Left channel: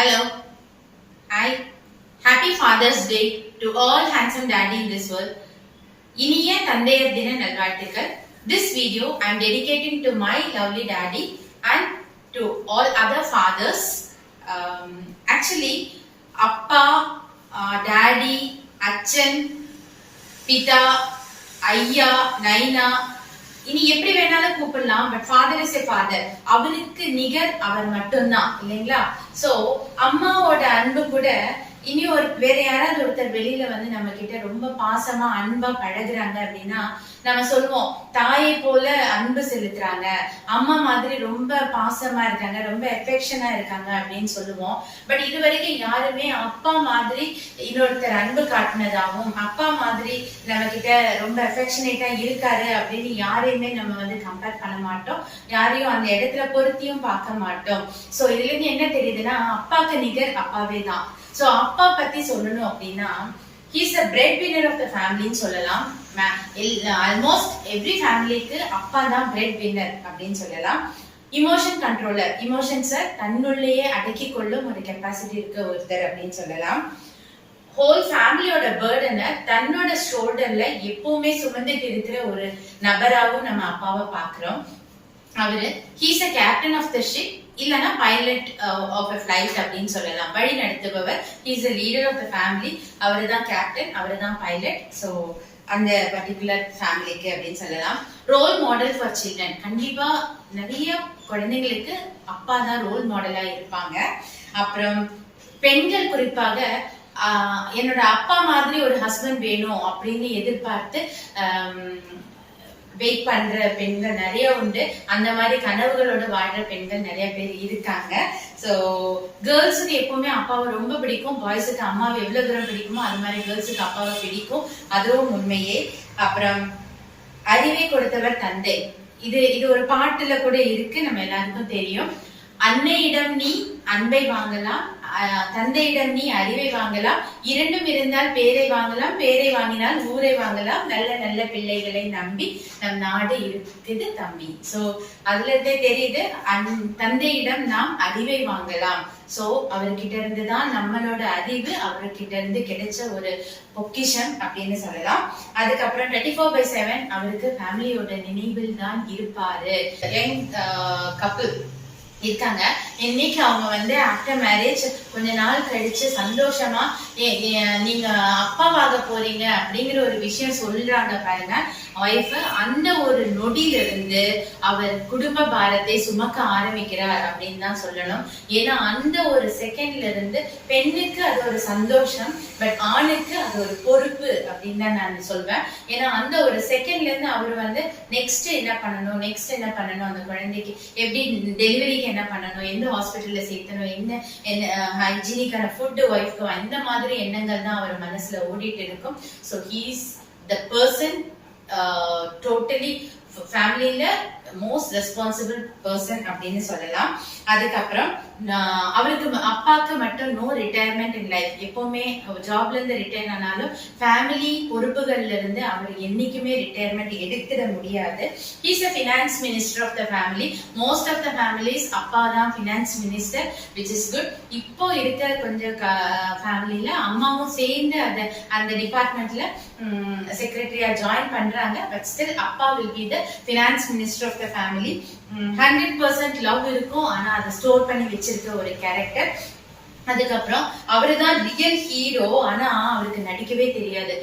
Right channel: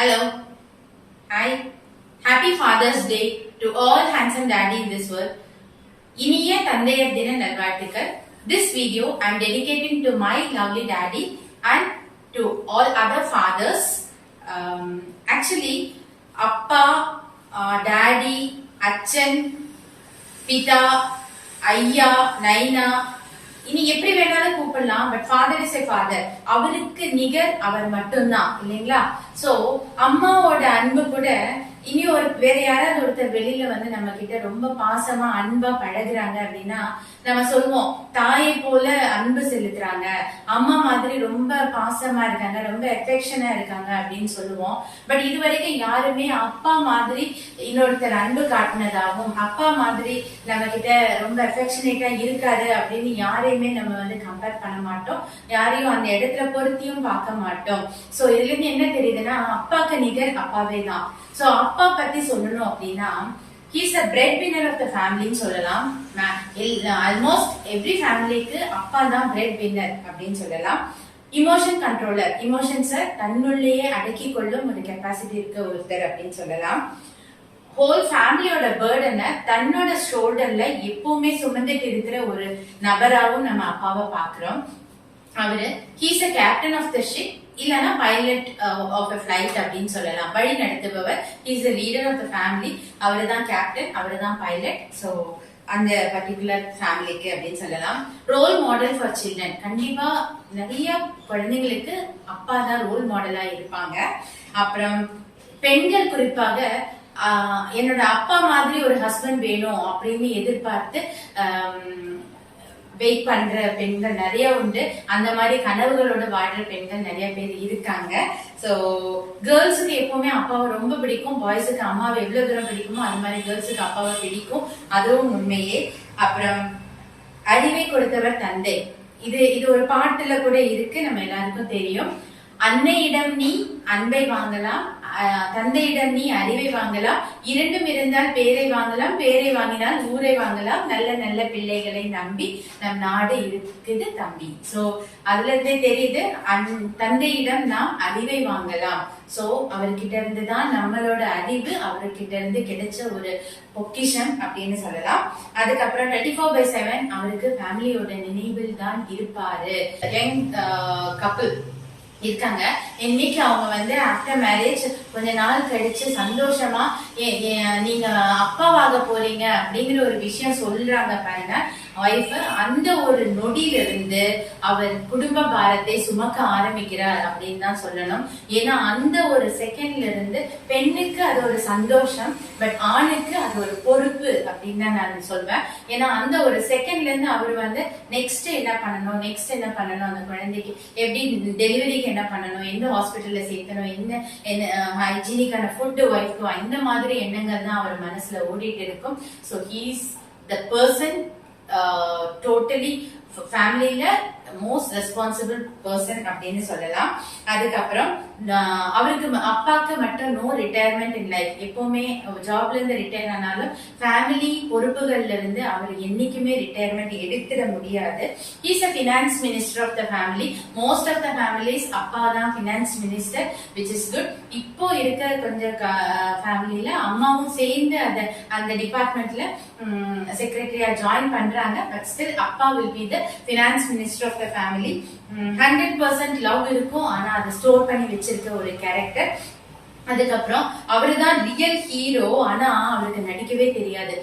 Hello. Hi. Happy Father's Day to all handsome daddy in this world. இனிய தந்தையர் தின நல்வாழ்த்துக்கள். This video I am dedicating to my lovely daddy and to all other fathers. Actually, அப்பா, daddy, அச்சன், பிதா, ஐயா, நைனா இனி எப்படி வேணாலும் கூப்பிடலாம். But father is a father. அவருக்கு நிகர் அவர் மட்டும்தான் இல்லைங்களா? சோ அம்மாவோட அன்பு கூட இனி வேற யாராவது ஒருத்தர் வெளியில வந்து நம்ம கிட்ட ரொம்ப பாசமா அன்பா பழகுறாங்க அப்படின்னா நம்ம சொல்லுவோம், தாயை போல அன்பு செலுத்துறாங்க, அம்மா மாதிரி ரொம்ப பாசமா இருக்காங்க, ரொம்ப எஃபெக்ஷனா இருக்காங்க அப்படின்னு சொல்லுவோம். பட் இது வரைக்கும் யாருமே அப்பா மாதிரி இன்னொருத்தர் அன்பு காட்டினதாகவும் அப்பா மாதிரி நம்ம கிட்ட ரொம்ப எஃபெக்ஷனேட்டா இருக்காரு அப்படின்னு யாரையுமே நம்ம வந்து கம்பேர் பண்ண மாட்டோம். யாரையும் அந்த இடத்துல பொருத்தியும் பார்க்க மாட்டோம். சோ இதுல இருந்து என்ன தெரியுதுன்னா, அப்பாக்கு நிகர் அப்பாவே தான். சோ அப்பா பத்தி சொல்லணும் அப்படின்னா, he is a breadwinner of the family ன்னு சொல்லலாம். ஆல்மோஸ்ட் எவ்ரி ஃபேமிலிக்கு அப்பா தான் breadwinner அப்படின்னு சொல்லலாம். இமோஷன் கண்ட்ரோலர், இமோஷன்ஸை தன்னுள்ளேயே அடக்கி கொள்ளும் ஒரு கெப்பாசிட்டி இருக்க ஒருத்தர் அப்படின்னு சொல்லலாம். ஹோல் ஃபேமிலியோட பேர்டனை தன்னோட ஷோல்டர்ல எப்பவுமே சுமந்துட்டு இருக்கிற ஒரு நபராகவும் நம்ம அப்பாவை பாக்குறோம். அவரு he's a captain of the ship, இல்லனா பைலட் ஆஃப் அ ஃபிளைட் அப்படின்னு சொல்லலாம். வழி நடத்துபவர். He's a leader of the family. அவரு தான் கேப்டன், அவரு தான் பைலட். ஸோ அந்த பர்டிகுலர் ஃபேமிலிக்கு அப்படின்னு சொல்லலாம். Role model for children. கண்டிப்பா நிறைய குழந்தைங்களுக்கு அப்பா தான் ரோல் மாடலா இருப்பாங்க. அப்புறம் பெண்கள் குறிப்பாக என்னோட அப்பா மாதிரி ஒரு ஹஸ்பண்ட் வேணும் அப்படின்னு எதிர்பார்த்து வெயிட் பண்ற பெண்கள் நிறைய உண்டு. அந்த மாதிரி கனவுகளோட வாழ்ற பெண்கள் நிறைய பேர் இருக்காங்க. சோ கேர்ள்ஸுக்கு எப்பவுமே அப்பாவை ரொம்ப பிடிக்கும். பாய்ஸுக்கு அம்மாவை எவ்வளவு தூரம் பிடிக்குமோ அது மாதிரி கேர்ள்ஸுக்கு அப்பாவை பிடிக்கும். அதுவும் உண்மையே. அப்புறம் அறிவை கொடுத்தவர் தந்தை. இது ஒரு பாட்டுல கூட இருக்கு, நம்ம எல்லாருக்கும் தெரியும். அன்னையிடம் நீ அன்பை வாங்கலாம், தந்தையிடம் நீ அறிவை வாங்கலாம், இரண்டும் இருந்தால் பேரை வாங்கலாம், பேரை வாங்கினால் ஊரை வாங்கலாம், நல்ல நல்ல பிள்ளைகளை நம்பி நம் நாடு இருக்குது தம்பி. சோ அதுல இருந்தே தெரியுது, தந்தையிடம் நாம் அறிவை வாங்கலாம். சோ அவர்கிட்ட இருந்து தான் நம்மளோட அறிவு அவர்கிட்ட இருந்து கிடைச்ச ஒரு பொக்கிஷம் அப்படின்னு சொல்லலாம். அதுக்கப்புறம் 24/7 அவருக்கு ஃபேமிலியோட நினைவில் தான் இருப்பாரு. யங் கப்பிள் இருக்காங்க. இன்னைக்கு அவங்க வந்து ஆஃப்டர் மேரேஜ் கொஞ்ச நாள் கழிச்சு சந்தோஷமா நீங்க அப்பாவாக போறீங்க அப்படிங்கிற ஒரு விஷயம் சொல்றாங்க பாருங்க ஒய்ஃப். அந்த ஒரு நொடியில இருந்து அவர் குடும்ப பாரத்தை சுமக்க ஆரம்பிக்கிறார் அப்படின்னு தான் சொல்லணும். ஏன்னா அந்த ஒரு செகண்ட்ல இருந்து பெண்ணுக்கு அது ஒரு சந்தோஷம், பட் ஆணுக்கு அது ஒரு பொறுப்பு அப்படின்னு தான் நான் சொல்வேன். ஏன்னா அந்த ஒரு செகண்ட்ல இருந்து அவர் வந்து நெக்ஸ்ட் என்ன பண்ணணும், அந்த குழந்தைக்கு எப்படி டெலிவரிக்கு என்ன பண்ணணும், எந்த ஹாஸ்பிட்டல்ல சேர்த்தணும், என்ன ஹைஜீனிக்கான ஃபுட் ஒய்ஃப்க்கு, இந்த மாதிரி எண்ணங்கள் தான் அவர் மனசுல ஓடிட்டு இருக்கும். So he's the person totally ஃபேமிலியில மோஸ்ட் ரெஸ்பான்சிபிள் பர்சன் அப்படின்னு சொல்லலாம். அதுக்கப்புறம் அவருக்கு அப்பாக்கு மட்டும் நோ ரிட்டையர்மெண்ட் இன் லைஃப். எப்பவுமே ஜாப்ல இருந்து ரிட்டையர் ஆனாலும் ஃபேமிலி பொறுப்புகள்ல இருந்து அவர் என்னைக்குமே ரிட்டையர்மெண்ட் எடுத்துட முடியாது. He's a finance minister of the family. Most of the families அப்பா தான் finance minister, which is good. இப்போ இருக்க கொஞ்சம் ஃபேமிலியில அம்மாவும் சேர்ந்து அந்த டிபார்ட்மெண்ட்ல செக்ரட்டரியா ஜாயின் பண்றாங்க. பட் ஸ்டில் அப்பா will be the finance minister of the family. 100% love இருக்கும், ஆனா அதை ஸ்டோர் பண்ணி வச்சிருக்க ஒரு கேரக்டர். அதுக்கப்புறம் அவருதான் ரியல் ஹீரோ, ஆனா அவருக்கு நடிக்கவே தெரியாது.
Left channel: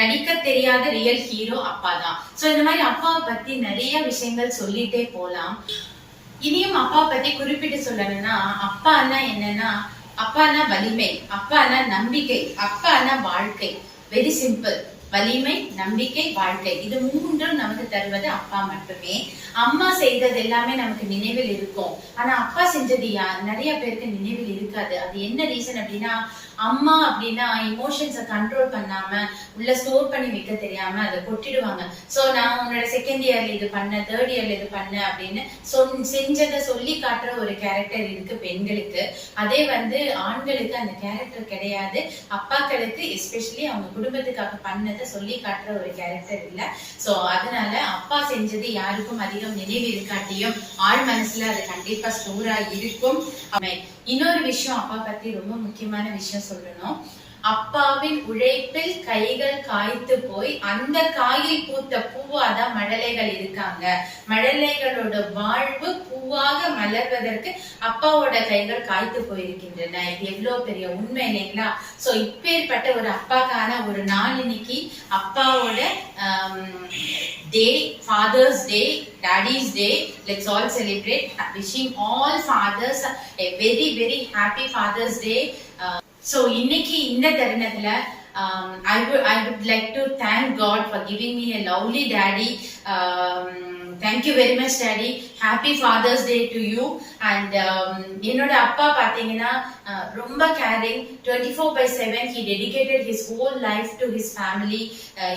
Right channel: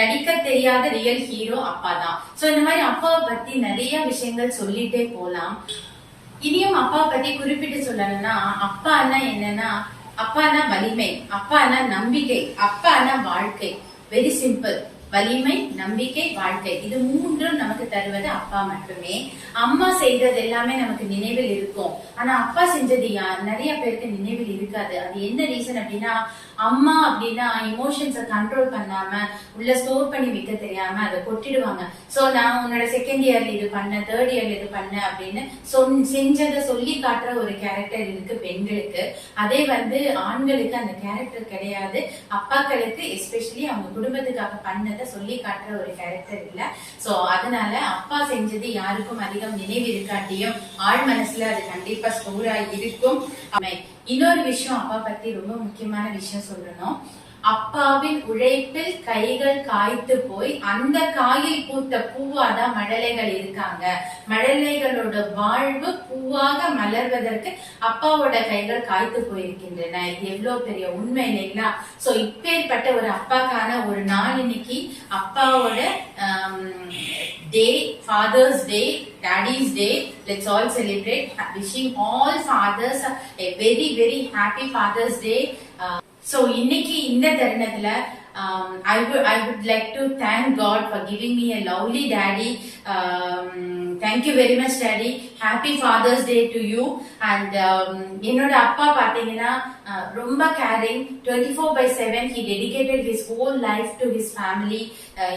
நடிக்க தெரியாத ரியல் ஹீரோ அப்பா தான். சோ இந்த மாதிரி அப்பாவை பத்தி நிறைய விஷயங்கள் சொல்லிட்டே போலாம். இனியும் அப்பா பத்தி குறிப்பிட்டு சொல்லணும்னா, அப்பான்னா என்னன்னா, அப்பானா வலிமை, அப்பானா நம்பிக்கை, அப்பானா வாழ்க்கை. Very simple. வலிமை, நம்பிக்கை, வாழ்க்கை, இது மூன்றும் நமக்கு தருவது அப்பா மட்டுமே. அம்மா செய்தது எல்லாமே நமக்கு நினைவில் இருக்கும், ஆனா அப்பா செஞ்சது நிறைய பேருக்கு நினைவில் இருக்காது. அது என்ன ரீசன் அப்படின்னா, அம்மா அப்படின்னா இமோஷன்ஸை கண்ட்ரோல் பண்ணாம உள்ள ஸ்டோர் பண்ணி வைக்க தெரியாம அதை கொட்டிடுவாங்க. சோ நான் உன்னோட செகண்ட் இயர்ல இது பண்ண, தேர்ட் இயர்ல இது பண்ண அப்படின்னு செஞ்சதை சொல்லி காட்டுற ஒரு கேரக்டர் இருக்கு பெண்களுக்கு. அதே வந்து ஆண்களுக்கு அந்த கேரக்டர் கிடையாது. அப்பாக்களுக்கு எஸ்பெஷலி அவங்க குடும்பத்துக்காக பண்ணதை சொல்லி காட்டுற ஒரு கேரக்டர் இல்ல. சோ அதனால அப்பா செஞ்சது யாருக்கும் அதிகம் நினைவு இருக்காட்டியும் ஆழ் மனசுல அது கண்டிப்பா ஸ்டோரா இருக்கும். இன்னொரு விஷயம் அப்பா பத்தி ரொம்ப முக்கியமான விஷயம் சொல்லணும். அப்பாவின் உழைப்பில் கைகள் காய்த்து போய் அந்த காயில் பூத்த பூவாதான் மழலைகள் இருக்காங்க. மழலைகளோட வாழ்வு பூவாக மலர்வதற்கு அப்பாவோட கைகள் காய்த்து போயிருக்கின்றன. இது எவ்வளவு பெரிய உண்மை இல்லைங்களா? சோ இப்பேற்பட்ட ஒரு அப்பாக்கான ஒரு நாள் இன்னைக்கு அப்பாவோட day, father's day, daddy's day. Let's all celebrate. Wishing all fathers a very very happy Father's Day. So இன்னைக்கு இந்த தருணத்துல I would like to thank God for giving me a lovely daddy. Thank you very much daddy. Happy Father's Day to you. And என்னோட அப்பா பாத்தீங்கன்னா ரொம்ப caring, 24/7 he dedicated his whole life to his family.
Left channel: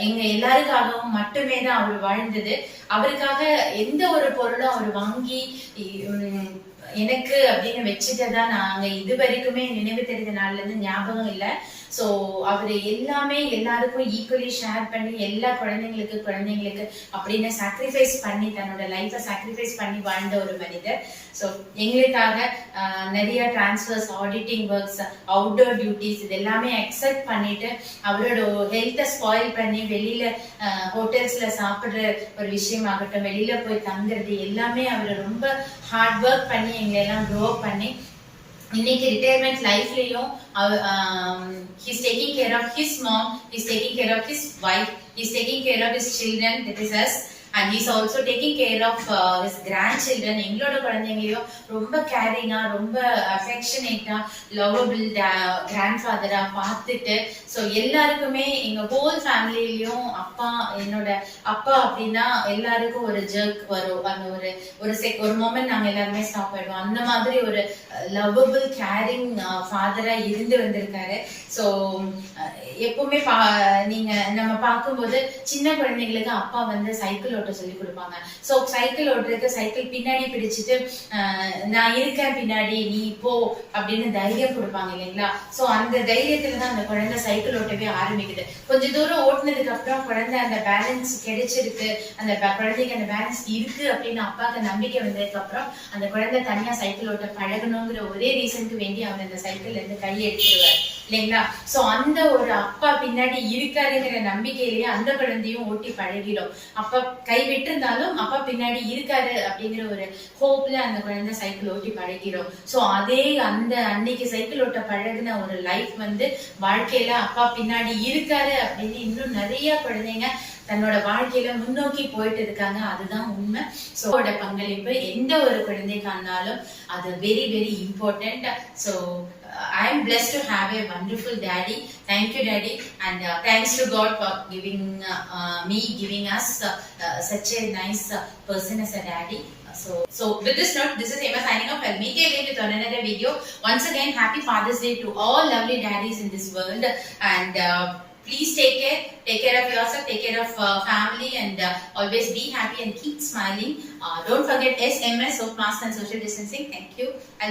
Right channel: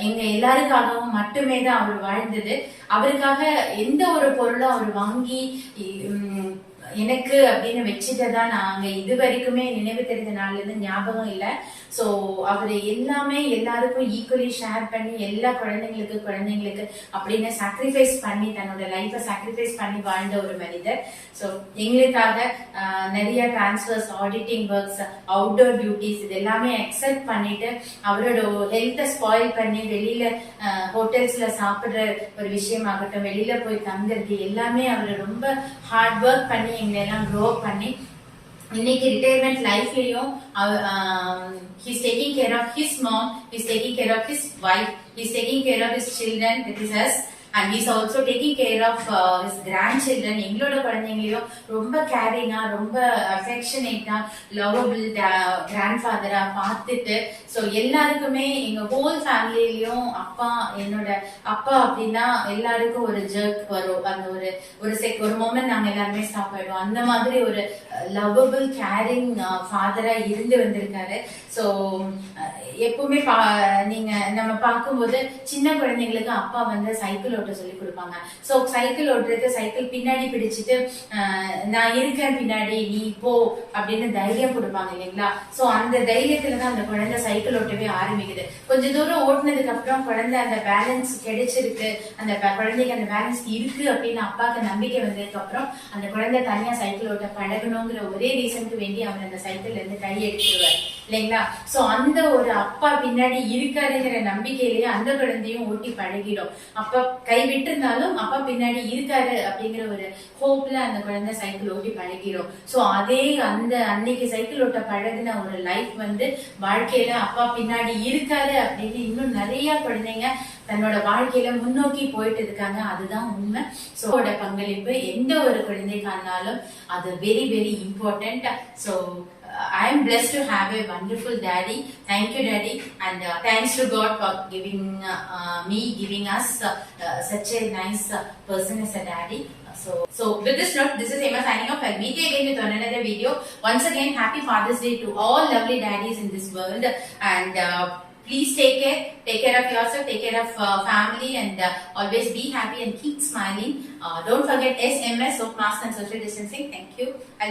எங்க எல்லாருக்காகவும் மட்டுமே தான் அவர் வாழ்ந்தது. அவருக்காக எந்த ஒரு பொருளும் அவர் வாங்கி எனக்கு அப்படின்னு வச்சுட்டதான் நாங்க இது வரைக்குமே நினைவு தெரிந்த நாள்ல இருந்து ஞாபகம் இல்லை. சோ அவரு எல்லாமே எல்லாருக்கும் ஈக்குவலி ஷேர் பண்ணி எல்லா குழந்தைங்களுக்கு அப்படின்னு சாக்ரிஃபைஸ் பண்ணி தன்னோட லைஃபை சாக்ரிஃபைஸ் பண்ணி வாழ்ந்த ஒரு மனிதர். சோ எங்களுக்காக நிறைய transfers, auditing works, outdoor duties இது எல்லாமே அக்செப்ட் பண்ணிட்டு அவரோட ஹெல்த்தை ஸ்பாயில் பண்ணி வெளியில ஹோட்டல்ஸ்ல சாப்பிடுற ஒரு விஷயம் ஆகட்டும், வெளியில போய் தங்குறது எல்லாமே அவர் ரொம்ப ஹார்ட் ஒர்க் பண்ணி எங்களை எல்லாம் க்ரோ பண்ணி இன்னைக்கு retirement லைஃப்லயும் he's taking care of his mom, he's taking care of his wife, he's taking care of his children, that is us, and he's also taking care of his grandchildren. எங்களோட குழந்தைங்களையும் ரொம்ப கேரிங்கா, ரொம்ப அஃபெக்ஷனேட்டா, lovable கிராண்ட்ஃபாதரா பார்த்துட்டு, so எல்லாருக்குமே எங்க whole ஃபேமிலிலையும் என்னோட அப்பா அப்படின்னா எல்லாருக்கும் ஒரு ஜர்க் வரும். அந்த ஒரு மொமெண்ட் நாங்க எல்லாருமே ஸ்டாப் ஆயிடுவோம். அந்த மாதிரி ஒரு லவபிள் கேரிங் ஃபாதரா இருந்து வந்திருக்காரு. ஸோ எப்பவுமே நீங்க நம்ம பார்க்கும்போது சின்ன குழந்தைங்களுக்கு அப்பா வந்து சைக்கிள் ஓட்ட சொல்லி கொடுப்பாங்க. சோ சைக்கிள் ஓட்டுறதுக்கு சைக்கிள் பின்னாடி பிடிச்சிட்டு நான் இருக்கேன் பின்னாடி நீ போ அப்படின்னு தைரியம் கொடுப்பாங்க இல்லைங்களா? சோ அந்த தைரியத்துலதான் அந்த குழந்தை சைக்கிள் ஓட்டவே ஆரம்பிக்குது. கொஞ்ச தூரம் ஓட்டுனதுக்கு அப்புறம் குழந்தை அந்த பேலன்ஸ் கிடைச்சிருக்கு, அந்த குழந்தைக்கு அந்த பேலன்ஸ் இருக்கு அப்படின்னு அப்பாவுக்கு நம்பிக்கை வந்ததுக்கு அப்புறம் அந்த குழந்தை தனியா சைக்கிள் ஓட்ட பழகணுங்கிற ஒரே ரீசனுக்கு வேண்டி அவர் அந்த சைக்கிள்ல இருந்து கை எடுத்துருவார் இல்லைங்களா? சோ அந்த ஒரு அப்பா பின்னாடி இருக்காருங்கிற நம்பிக்கையிலேயே அந்த குழந்தையும் ஓட்டி பழகிடும். அப்பா கை விட்டிருந்தாலும் அப்பா பின்னாடி இருக்காரு அப்படிங்கிற ஒரு ஹோப்ல அந்த குழந்தை சைக்கிள் ஓட்டி பழகிடும். சோ அதே அந்த அன்னைக்கு சைக்கிள் ஓட்ட பழகின ஒரு லைஃப் வந்து வாழ்க்கையில அப்பா பின்னாடி இருக்காரு அப்படின்னு இன்னும் நிறைய குழந்தைங்க தன்னோட வாழ்க்கையில முன்னோக்கி போயிட்டு இருக்காங்க. அதுதான் உண்மை. சோ பங்களிப்பு எந்த ஒரு குழந்தைக்கானாலும் அது very very important. So I am blessed to have a wonderful daddy. Thank you daddy, and thanks to God for giving us such a nice person as a daddy. So with this note, this is Emma signing off. I'll meet you again with another video. Once again, happy Father's Day to all lovely daddies in this world, and please take care of yourself, take care of family, and always be happy and keep smiling. Don't forget SMS, soap mask and social distancing. Thank you.